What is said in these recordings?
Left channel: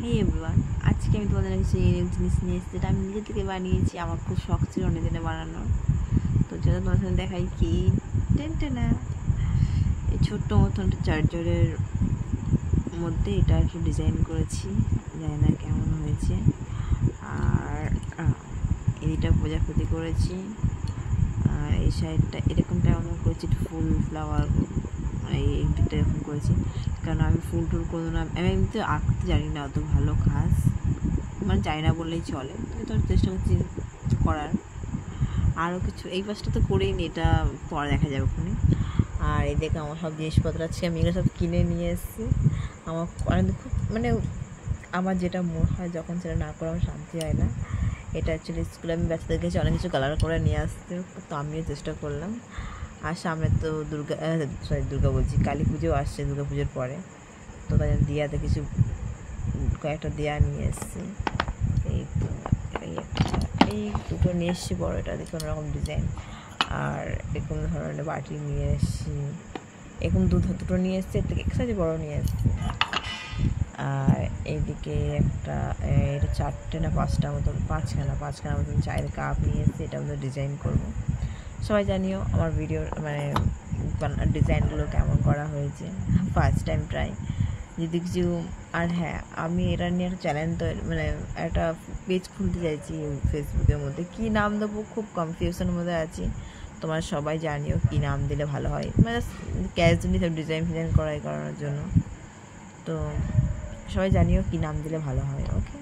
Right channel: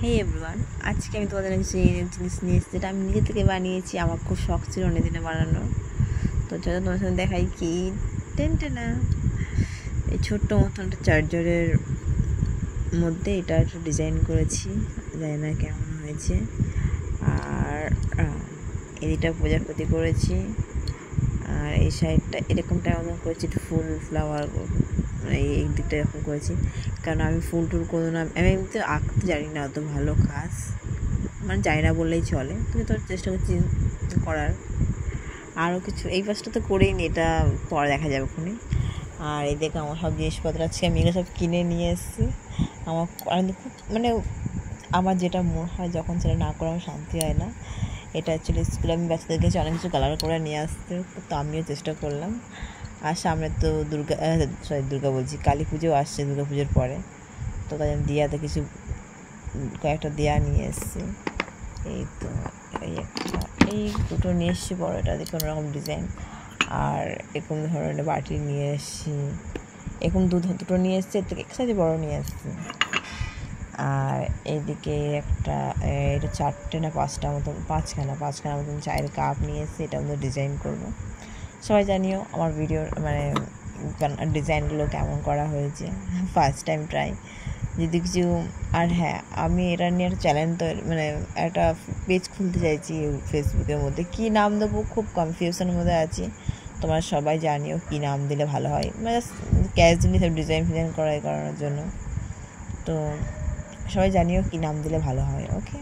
হেই everyone, আজকে আমি তোমাদের কিছু জিনিস নিয়ে এসেছি, যেটা আমি নিজে থেকে বানিয়েছি। আমার খুব শখ ছিল অনেক দিনে বানানোর। তো চলো তোমার সাথে দেখাই কি টেনটেনা এই ছোট্ট মতন একটা চার্জারের মধ্যে এটা একটু ডিজাইন করেছি, জানি না কেমন হয়েছে। আর এদিকটা প্রজাপতি করেছি, আর এই সাইডটা এরকমটা মতন করেছি, একটু ফুল ফ্লাওয়ার এই দিকটা এরকম করেছি, কারণ আমি ফুল টুল কোনো না, আমি এমনিতে আঁকতে জানি না অত ভালো খাস, মানে জানি না বললেই চলে, কিন্তু তোর চেষ্টা করছি করার। আরও কিছু এই পাশটা তো করেই নি, এটা পরে দেখা যাবে ওখানে। আর এই দেখে আমার সব জিনিসপত্র আছে, আমি এগুলো সব কিনে নিয়ে এসেছি। আমার খুব মানে আমার যেটা মনে হয় যখন সেটা না করে আমার শান্তি হয় না। এটা অ্যাকচুয়ালি স্কুলে আমি বাচ্চাদের কাছে অনেক কিছু কালার করে নিয়ে আসতে, তো আমিও চেষ্টা করলাম। আর সামনে তো দুর্গা বলছি, কালী পুজো আসছে দুর্গা পুজোর পরে, তো তাই আমি দিয়াতে কিছু কয়েকটা দেয়া নিয়ে এসেছি। এই তো এই দুটো নিয়ে এসেছি, বড়োটা দেখে অন্যরকম ডিজাইন। আর এরকম ধরনের বাটি নিয়ে এসেছি, এরকম দুটো নিয়ে এসেছি, এর থেকে এক্সট্রা বড়ো নিয়ে এসেছি। আর এইদিকে এটা 4টে না 5টা মতন, পাঁচখানা মতন চায়ের কাপ নিয়ে এসেছি, এটা আমাদের ডিজাইন করবো। সবাই জানিও আমার ভিডিওর মানে ডিজাইনগুলো কেমন করা হয়েছে, ফার্স্ট টাইম ট্রাই যদি কিছু। আর হ্যাঁ, আমি এটা নিয়ে একটা চ্যানেল মানে একটা পেজ খুলতে চাইছি ফেসবুকের মধ্যে। কী নাম দেবো খুব কনফিউশনের মধ্যে আছি, তোমরা সবাই জানিও কী নাম দিলে ভালো হয়, মানে ক্যাজুয়ালি সব ডিজাইন করানোর জন্য। তো সবাই জানিও কী নাম দিলে ভালো হয়। ওকে,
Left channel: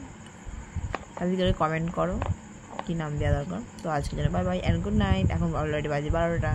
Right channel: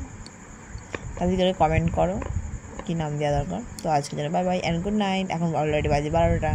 তাদের করে কমেন্ট করো কী নাম দেওয়া দরকার। তো আজকে জন্য bye bye and good night. এখন অলরেডি বাজে 12টা।